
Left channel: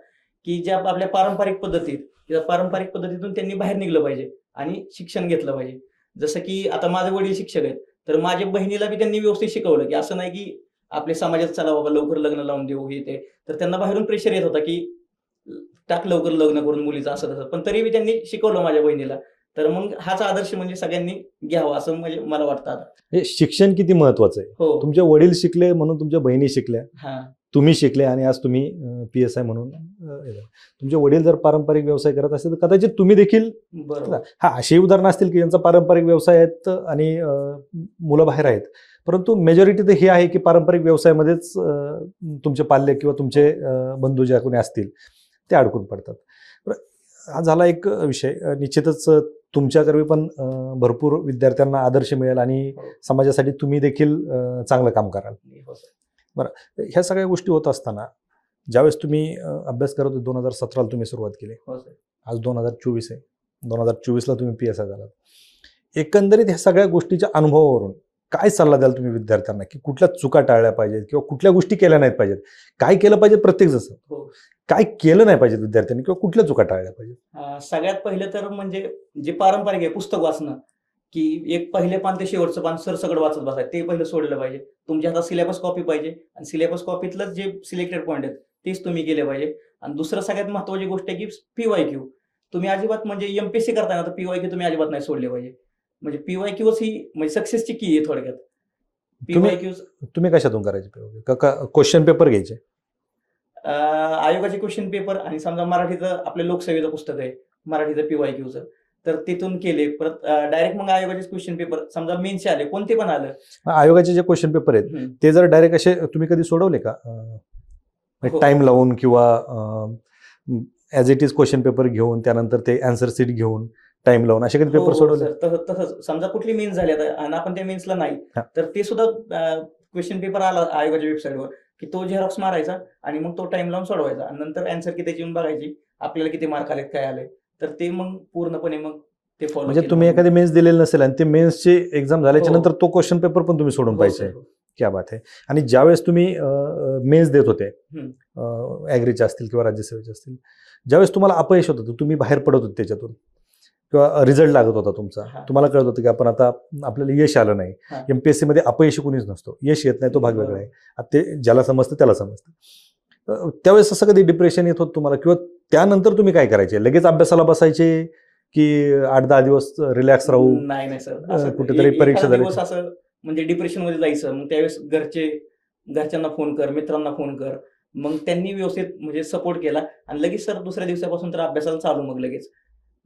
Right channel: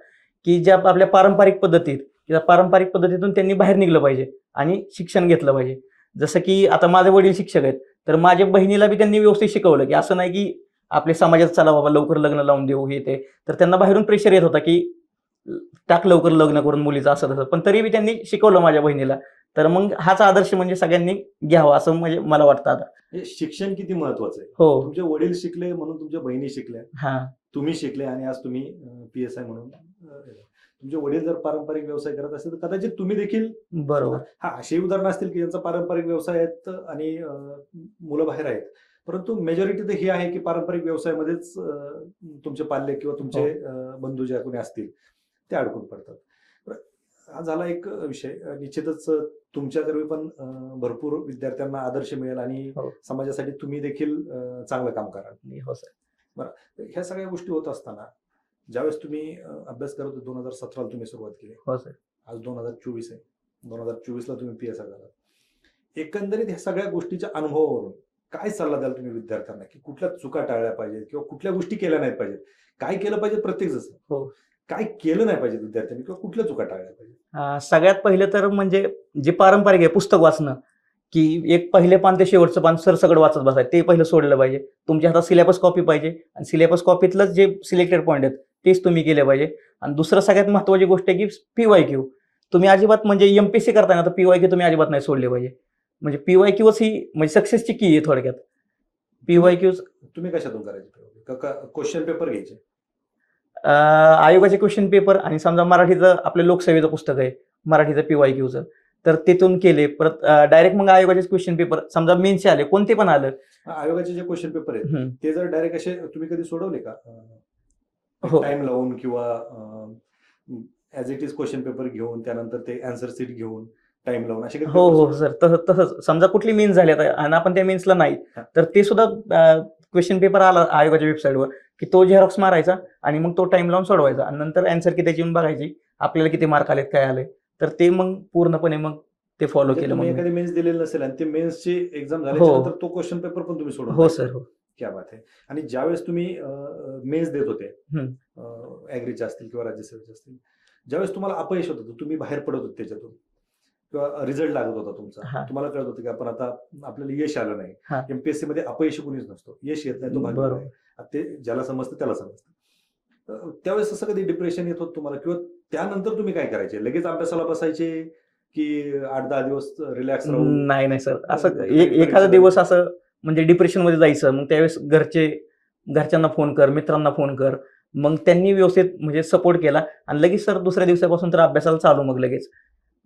[SPEAKER 1] की ज्या आपल्या पारंपरिक पद्धतीत त्या पारंपरिक पद्धतीतून त्यांनी बाहेर निघलं पाहिजे आणि शिक्षण घेतलं पाहिजे. जसं की आता माझे वडील शिक्षक आहेत तर माझ्या बहिणीला बी त्यांनी व्यवस्थित शिकवलं की असं नाही की आपल्या समाजात चला बाबा लवकर लग्न लावून देऊ हे ते. तर त्यांना बाहेरून प्रेशर येत होता की टाक लवकर लग्न करून मुलीचं असं तसं. पण तरी बी त्यांनी शिकवलं माझ्या बहिणीला. तर मग हाच आदर्श म्हणजे सगळ्यांनी घ्यावा असं म्हणजे मला वाटतं आता.
[SPEAKER 2] हे शिक्षण किती महत्वाचं आहे?
[SPEAKER 1] हो.
[SPEAKER 2] तुमचे वडील शिकले म्हणून तुमच्या बहिणी शिकल्या.
[SPEAKER 1] हा.
[SPEAKER 2] तुम्ही शिकले आणि आज तुम्ही पी एस आय म्हणून हे. तुमचे वडील जर पारंपरिक व्यवसाय करत असतील तर कदाचित तुम्ही देखील
[SPEAKER 1] बरोबर.
[SPEAKER 2] हा अशी उदाहरणं असतील की ज्यांचा पारंपरिक व्यवसाय आहेत आणि मुलं बाहेर आहेत. परंतु मेजॉरिटी तर ही आहे की पारंपरिक व्यवसायामध्येच तुमचे पाल्य किंवा तुमचे अ, बंधू ज्या कोणी असतील ते अडकून पडतात. हा झाला एक विषय. निश्चितच तुमच्याकडे पण भरपूर विद्यार्थ्यांना आदर्श मिळेल आणि
[SPEAKER 1] हो.
[SPEAKER 2] समाजासाठी तुम्ही देखील चांगलं काम कराल.
[SPEAKER 1] हो सर.
[SPEAKER 2] ह्या सगळ्या गोष्टी होत असताना ज्यावेळेस तुम्ही अभ्यास करत होते दोन हजार सतराला तुम्ही सुरुवात केली.
[SPEAKER 1] हो सर.
[SPEAKER 2] आज दोन हजार चोवीस आहे. दोन हजार चोवीसला तुम्ही पी एस आय झालात. एकंदरीत ह्या सगळ्या गोष्टीच्या अनुभवावरून काय सल्ला द्याल तुम्ही विद्यार्थ्यांना? की कुठल्या चुका टाळल्या पाहिजेत किंवा कुठल्या गोष्टी केल्या नाहीत पाहिजेत? काय केलं पाहिजे प्रत्येक जसं?
[SPEAKER 1] हो.
[SPEAKER 2] काय केलं नाही पाहिजे विद्यार्थ्यांनी किंवा कुठल्या चुका टाळल्या पाहिजेत?
[SPEAKER 1] सगळ्यात पहिलं तर म्हणजे जे पारंपरिक आहे पुस्तक वाचणं. की एक पहिले पान ते शेवटचं पान सरसकट वाचत बसायचं. ते पहिलं सोडलं पाहिजे. तुमच्या हातात सिलेबस कॉपी पाहिजे. आणि सिलेबस कॉपीतलंच जे सिलेक्टेड पॉईंट आहेत तेच तुम्ही केले पाहिजे. आणि दुसरं सगळ्यात महत्वाची गोष्ट आहे की पीवाय क्यू तुम्ही अजिबात म्हणजे एमपीसी करताना तर पीवाय क्यू तुम्ही अजिबात नाही सोडले पाहिजे. म्हणजे पीवाय क्यूच ही म्हणजे सक्सेसची की आहे थोडक्यात. पीवाय क्यूज
[SPEAKER 2] तुम्ही कशातून करायचे क्वेश्चन पेपर घ्यायचे.
[SPEAKER 1] आयोगाचे क्वेश्चन पेपर आणि समजा मराठीचं आपलं लोकसेवेचं पुस्तक आहे मराठीचं पीवाय क्यूचं तर तिथून केले. परत डायरेक्ट मग आयोगाचे क्वेश्चन पेपर समजा मेनचे आले कोणते पण आलं?
[SPEAKER 2] आयोगाचे जे क्वेश्चन पेपर आहेत. ते जर डायरेक्ट असे तुम्ही कधी सोडवले का?
[SPEAKER 1] हो.
[SPEAKER 2] टाइम लावून किंवा as it is question paper घेऊन त्यानंतर ते अँसर सीट घेऊन टाइम लावून असे कधी
[SPEAKER 1] हो
[SPEAKER 2] पेपर
[SPEAKER 1] हो
[SPEAKER 2] सोडवले?
[SPEAKER 1] तसं तसंच. समजा कुठली मेन्स झाली आता आणि आपण त्या मेन्सला नाही
[SPEAKER 2] हा.
[SPEAKER 1] तर ते सुद्धा क्वेश्चन पेपर आला आयोगाच्या वेबसाईटवर की तो झेरॉक्स मारायचा आणि मग तो टाइम लावून सोडवायचा. आणि नंतर अँसर की त्याची येऊन बघायची आपल्याला किती मार्क आलेत काय आले तर ते मग पूर्णपणे मग ते फॉलो
[SPEAKER 2] म्हणजे तुम्ही एखादी मेन्स दिलेली नसेल आणि ते मेन्सची एक्झाम झाल्याच्यानंतर तो क्वेश्चन पेपर पण तुम्ही सोडून
[SPEAKER 1] हो
[SPEAKER 2] पाहिजे.
[SPEAKER 1] हो.
[SPEAKER 2] क्या बात आहे आणि ज्यावेळेस तुम्ही मेन्स देत होते. ॲग्रीचे असतील किंवा राज्यसेवेचे असतील ज्यावेळेस तुम्हाला अपयश होत होतं तुम्ही बाहेर पडत होते त्याच्यातून. किंवा रिझल्ट लागत होता तुमचा.
[SPEAKER 1] हा.
[SPEAKER 2] तुम्हाला कळत होतं की आपण आता आपल्याला यश आलं नाही.
[SPEAKER 1] हा.
[SPEAKER 2] एमपीएससी मध्ये अपयशी कोणीच नसतो. यश येत नाही तो भाग आता ते ज्याला समजतं त्याला समजतं. त्यावेळेस असं कधी डिप्रेशन येत होतं तुम्हाला? किंवा त्यानंतर तुम्ही काय करायचे? लगेच अभ्यासाला बसायचे की आठ दहा दिवस रिलॅक्स राहू?
[SPEAKER 1] नाही नाही सर. असं
[SPEAKER 2] परीक्षा
[SPEAKER 1] एखादा दिवस. असं म्हणजे डिप्रेशनमध्ये जायचं मग त्यावेळेस घरचे घरच्यांना फोन कर मित्रांना फोन कर. मग त्यांनी व्यवस्थित म्हणजे सपोर्ट केला आणि लगेच सर दुसऱ्या दिवसापासून तर अभ्यासाला चालू मग लगेच.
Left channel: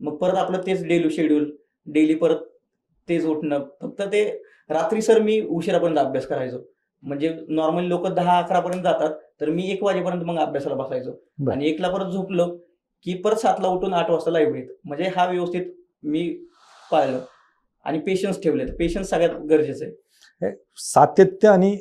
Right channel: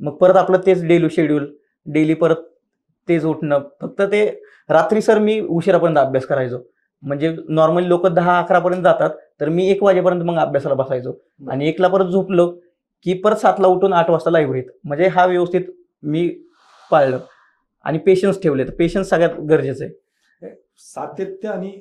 [SPEAKER 1] मग परत आपलं तेच डेली शेड्यूल डेली परत तेच उठणं फक्त ते रात्री सर मी उशिरापर्यंत अभ्यास करायचो. म्हणजे नॉर्मली लोक दहा अकरा पर्यंत जातात तर मी एक वाजेपर्यंत मग अभ्यासाला बसायचो.
[SPEAKER 2] बरं.
[SPEAKER 1] आणि एकला परत झोपलो की परत सातला उठून आठ वाजता लायब्ररीत म्हणजे हा व्यवस्थित मी पाळलं. आणि पेशन्स ठेवले. तर पेशन्स सगळ्यात गरजेचं आहे.
[SPEAKER 2] सातत्य आणि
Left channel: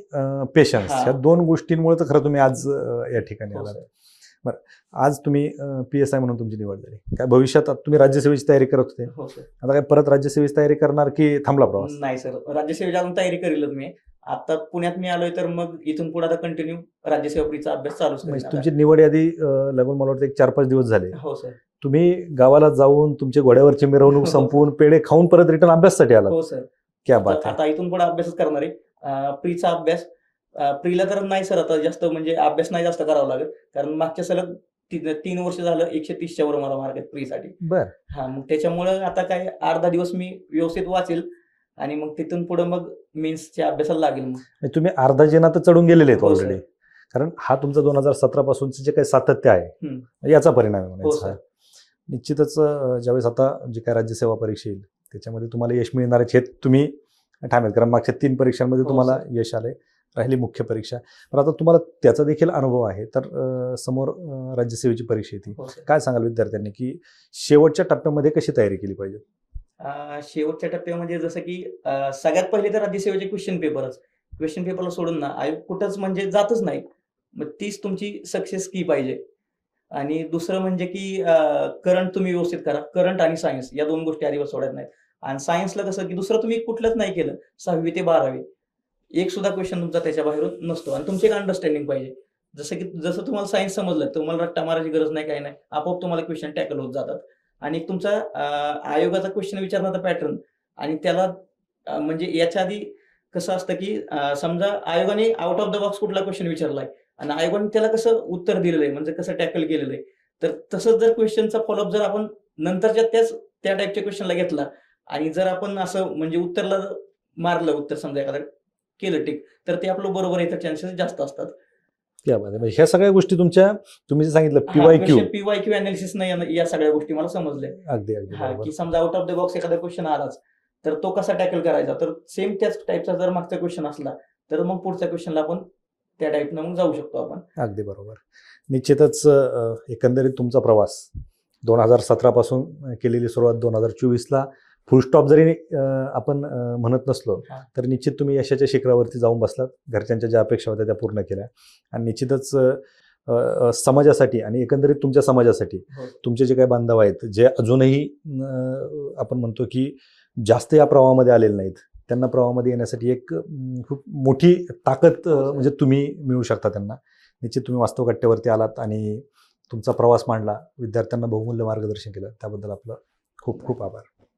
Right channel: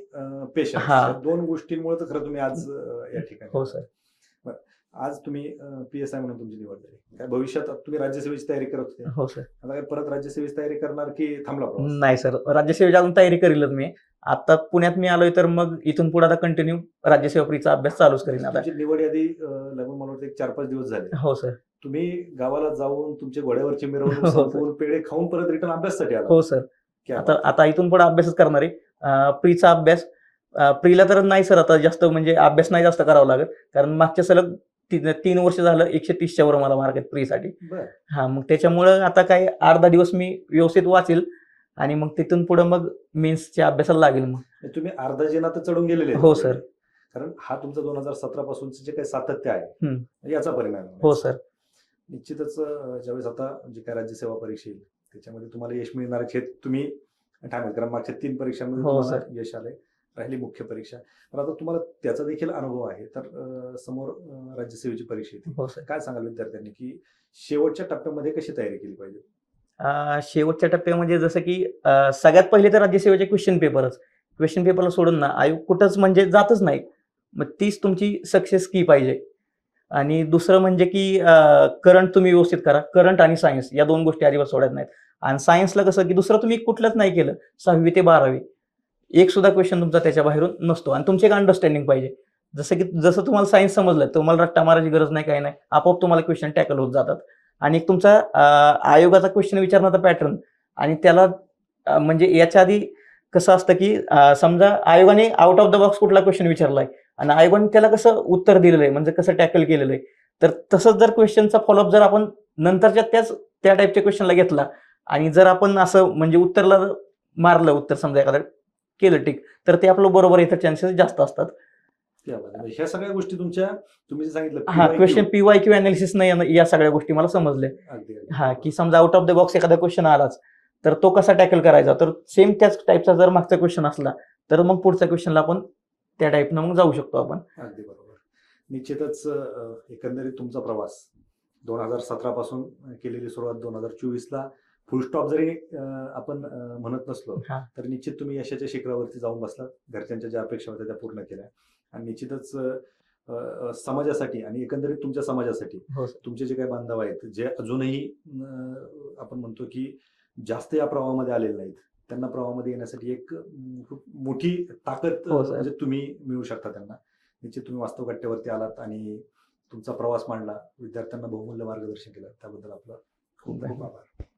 [SPEAKER 2] पेशन्स. या दोन गोष्टींमुळे तर खरं तुम्ही आज या ठिकाणी
[SPEAKER 1] हो. सर.
[SPEAKER 2] आज तुम्ही पी एस आय म्हणून तुमची निवड झाली. काय भविष्यात तुम्ही राज्यसेवेची तयारी करत होते.
[SPEAKER 1] हो सर.
[SPEAKER 2] आता काय परत राज्यसेवेची तयारी करणार की थांबला प्रवास?
[SPEAKER 1] नाही सर. राज्यसेवेची अजून तयारी करीलच मी. आता पुण्यात मी आलोय तर मग इथून पुढे आता कंटिन्यू राज्यसेवा प्रीचा अभ्यास चालूच करेन आता.
[SPEAKER 2] तुमची निवड यादी लागून मला वाटतं एक चार पाच दिवस झाले.
[SPEAKER 1] हो सर.
[SPEAKER 2] तुम्ही गावाला जाऊन तुमचे घोड्यावरची मिरवणूक
[SPEAKER 1] हो.
[SPEAKER 2] संपवून पेढे खाऊन परत रिटर्न अभ्यासासाठी आला
[SPEAKER 1] हो सर.
[SPEAKER 2] क्या
[SPEAKER 1] आता इथून पुढे अभ्यासच करणार आहे. प्रीचा अभ्यास प्रीला तर नाही सर आता जास्त म्हणजे अभ्यास नाही जास्त करावा लागत. कारण मागच्या सलग ती- तीन वर्ष झालं एकशे तीसच्या वर मला मार्क आहेत प्रीसाठी.
[SPEAKER 2] बर.
[SPEAKER 1] हा मग त्याच्यामुळं आता काय अर्धा दिवस मी व्यवस्थित वाचेल. आणि मग तिथून पुढे मग मेन्सच्या अभ्यासाला लागेल मग.
[SPEAKER 2] म्हणजे तुम्ही अर्धा जिना तर चढून गेलेले आहेत
[SPEAKER 1] हो,
[SPEAKER 2] already.
[SPEAKER 1] सर.
[SPEAKER 2] कारण हा तुमचा दोन हजार सतरा पासूनचं जे काही सातत्य आहे याचा परिणाम आहे
[SPEAKER 1] हो
[SPEAKER 2] म्हणायचा.
[SPEAKER 1] सर
[SPEAKER 2] निश्चितच अं, ज्यावेळेस आता जे काय राज्यसेवा परीक्षा येईल त्याच्यामध्ये तुम्हाला यश मिळणारच हे तुम्ही ठाम आहेत कारण मागच्या तीन परीक्षांमध्ये
[SPEAKER 1] हो,
[SPEAKER 2] तुम्हाला. यश आले राहिली मुख्य परीक्षा. पण आता तुम्हाला त्याचा देखील अनुभव आहे. तर अं, समोर अं, राज्यसेवेची परीक्षा येते.
[SPEAKER 1] हो सर
[SPEAKER 2] काय सांगाल विद्यार्थ्यांनी की शेवटच्या टप्प्यामध्ये कशी तयारी केली पाहिजे?
[SPEAKER 1] शेवटच्या टप्प्यामध्ये जसं की सगळ्यात पहिले तर राज्यसेवेचे क्वेश्चन पेपरच क्वेश्चन पेपरला सोडून ना आयोग कुठंच म्हणजे जातच नाही मग तीच तुमची सक्सेस की पाहिजे. आणि दुसरं म्हणजे की करंट तुम्ही व्यवस्थित करा. करंट आणि सायन्स या दोन गोष्टी अजिबात सोडत नाहीत. आणि सायन्सला कसं की दुसरं तुम्ही कुठलंच नाही केलं सहावी ते बारावी. एक सुद्धा क्वेश्चन तुमचा त्याच्या बाहेरून नसतो. आणि तुमचे एक अंडरस्टँडिंग पाहिजे. जसं की जसं तुम्हाला सायन्स समजलं तुम्हाला रट्टा मारायची गरज नाही काही नाही. आपोआप तुम्हाला क्वेश्चन टॅकल होत जातात. आणि एक तुमचा आयोगाचा क्वेश्चन विचारण्याचा पॅटर्न आणि त्याला म्हणजे याच्या आधी कसं असतं की समजा आयोगाने आउट ऑफ द बॉक्स कुठला क्वेश्चन विचारलाय आणि आयोगाने त्याला कसं उत्तर दिलेलं आहे म्हणजे कसं टॅकल केलेलं आहे. तर तसंच जर क्वेश्चनचा फॉलोअप जर आपण नंतरच्या त्याच त्या टाईपच्या क्वेश्चनला घेतला आणि जर आपण असं म्हणजे उत्तरला मारलं उत्तर समजा एखादं केलं टिक तर ते आपलं बरोबर येतं चान्सेस जास्त असतात.
[SPEAKER 2] म्हणजे ह्या सगळ्या गोष्टी तुमच्या तुम्ही जे सांगितलं
[SPEAKER 1] क्वेश्चन पीवाय क्यू अनालिसिस नाही या सगळ्या गोष्टी मला समजल्या.
[SPEAKER 2] अगदी
[SPEAKER 1] हा. की समजा आउट ऑफ द बॉक्स एखादा क्वेश्चन आलाच तर तो कसा टॅकल करायचा? तर सेम त्याच टाईपचा जर मागचा क्वेश्चन असला तर मग पुढच्या क्वेश्चनला आपण त्या टाईपनं मग जाऊ शकतो आपण.
[SPEAKER 2] अगदी बरोबर. निश्चितच एकंदरीत तुमचा प्रवास दोन हजार सतरा पासून केलेली सुरुवात दोन हजार चोवीसला फुल स्टॉप जरी आपण म्हणत नसलो. तर निश्चित तुम्ही यशाच्या शिखरावरती जाऊन बसलात. घरच्यांच्या ज्या अपेक्षा होत्या त्या पूर्ण केल्या. आणि निश्चितच समाजासाठी आणि एकंदरीत तुमच्या समाजासाठी
[SPEAKER 1] हो.
[SPEAKER 2] तुमचे जे काही बांधव आहेत जे अजूनही आपण म्हणतो की जास्त या प्रवाहामध्ये आलेले नाहीत त्यांना प्रवाहामध्ये येण्यासाठी एक खूप मोठी ताकद
[SPEAKER 1] हो.
[SPEAKER 2] म्हणजे तुम्ही मिळू शकता त्यांना. निश्चित तुम्ही वास्तव कट्ट्यावरती आलात आणि तुमचा प्रवास मांडला. विद्यार्थ्यांना बहुमूल्य मार्गदर्शन केलं. त्याबद्दल आपलं खूप खूप आभार.